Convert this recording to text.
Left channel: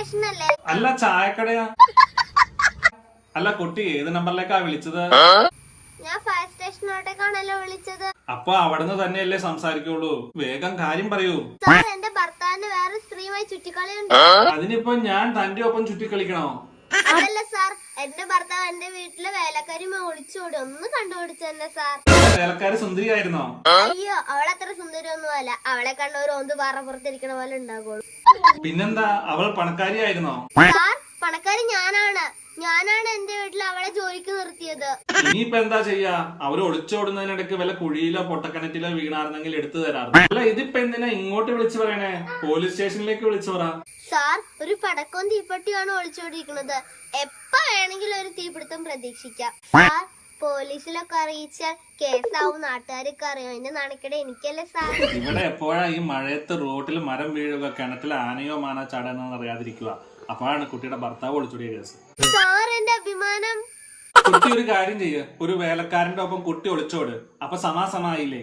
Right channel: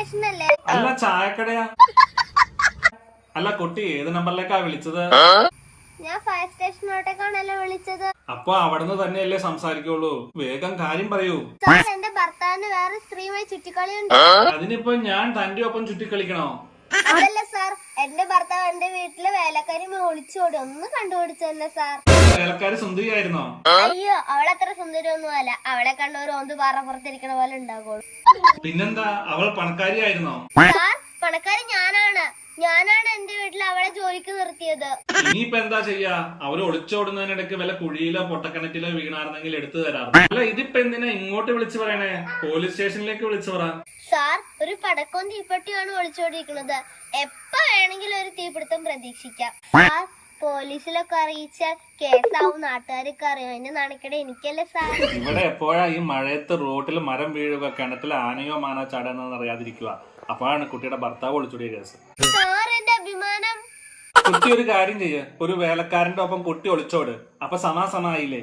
സ്റ്റേഷനല്ലേ? അല്ല, ചായക്കടയാ. അല്ല കുട്ടി, ഏത് നമ്പറിലേക്കാ വിളിച്ചത്? ഞാൻ ഫയർ സ്റ്റേഷനോട്ടേക്കാണല്ലോ വിളിച്ചത്. അപ്പൊ അവിടുന്ന് തന്നെയല്ലേ സംസാരിക്കുള്ളൂ. വേഗം കാര്യം പറയൂ. സാർ, എന്റെ ഭർത്താവിന് വേറെ സ്ത്രീയുമായി ചുറ്റിക്കളിയുണ്ട്. അതിനിപ്പോ ഞാൻ തന്റെ ഒപ്പം ചുറ്റിക്കളിക്കണോ? അതല്ല സാർ, എന്റെ ഭർത്താവ് എന്റെ വീട്ടിലെ വേലക്കാരി ഒളിച്ചോടി. ഒന്ന് കണ്ടുപിടിച്ചെന്നെ സാർ. വേലക്കാരി സുന്ദരിയായിരുന്നോ? അയ്യോ, അവളത്ര സുന്ദരിയൊന്നും അല്ല. അവളെ കണ്ട ഒരു ഓന്ത് പാറപ്പുറത്തിരിക്കണ പോലെ ഉണ്ടാകുള്ളൂ. പിന്നെന്താ, അവൾ പണക്കാരിയായിരുന്നോ? സാർ, പണക്കാരി ഞാനാണ് എന്റെ വീട്ടിൽ അവളെ ജോലിക്ക് നിർത്തിയത്. ഇനിയിപ്പോ എന്താ ചെയ്യാ? അവര് ഒളിച്ചോടുന്നതിനിടയ്ക്ക് വല്ല കുഴിയിലോ പൊട്ടക്കിണറ്റിലോ വീണായിരുന്നെങ്കിൽ എടുത്തു തരാറുണ്ട്. അല്ല, ഇതിപ്പോ എന്തിനാ ഇങ്ങോട്ട് വിളിച്ചു പറയണേ? പോലീസ് സ്റ്റേഷനിലേക്ക് വിളിച്ചു പറ. സാർ, ഒരു പടക്കവും തീപ്പെട്ടിയാണ് ഒളിച്ചോടിയിരിക്കുന്നത്. എപ്പ വേണമെങ്കിലും ഒരു തീപിടുത്തം പ്രതീക്ഷിക്കാം. സാർ, പോലീസിലൊക്കെ അറിയിച്ചാൽ കേസാവും. നാട്ടുകാരൊക്കെ അറിയും. അതിന്റെ നാണക്കേട് എനിക്കല്ലേ സാർ. ഇവിടെ എപ്പോഴാ ഈ മഴയത്ത് റോട്ടിൽ മരം വീഴുക, കിണറ്റിൽ ആനയോ മാനോ ചാടണമെന്ന് അറിയാതിരിക്കുക. അപ്പോഴാണ് കുട്ടിയുടെ ഭർത്താവ് ഒളിച്ചോടിയ കേസ്. സാർ, എന്റെ അഭിമാനം. കുട്ടി ഒരു കാര്യം ചെയ്യ്, ഒരു വേലക്കാരന്റെ ഒപ്പം കുട്ടി ഒളിച്ചോട്. അപ്പൊ സമാസമായില്ലേ?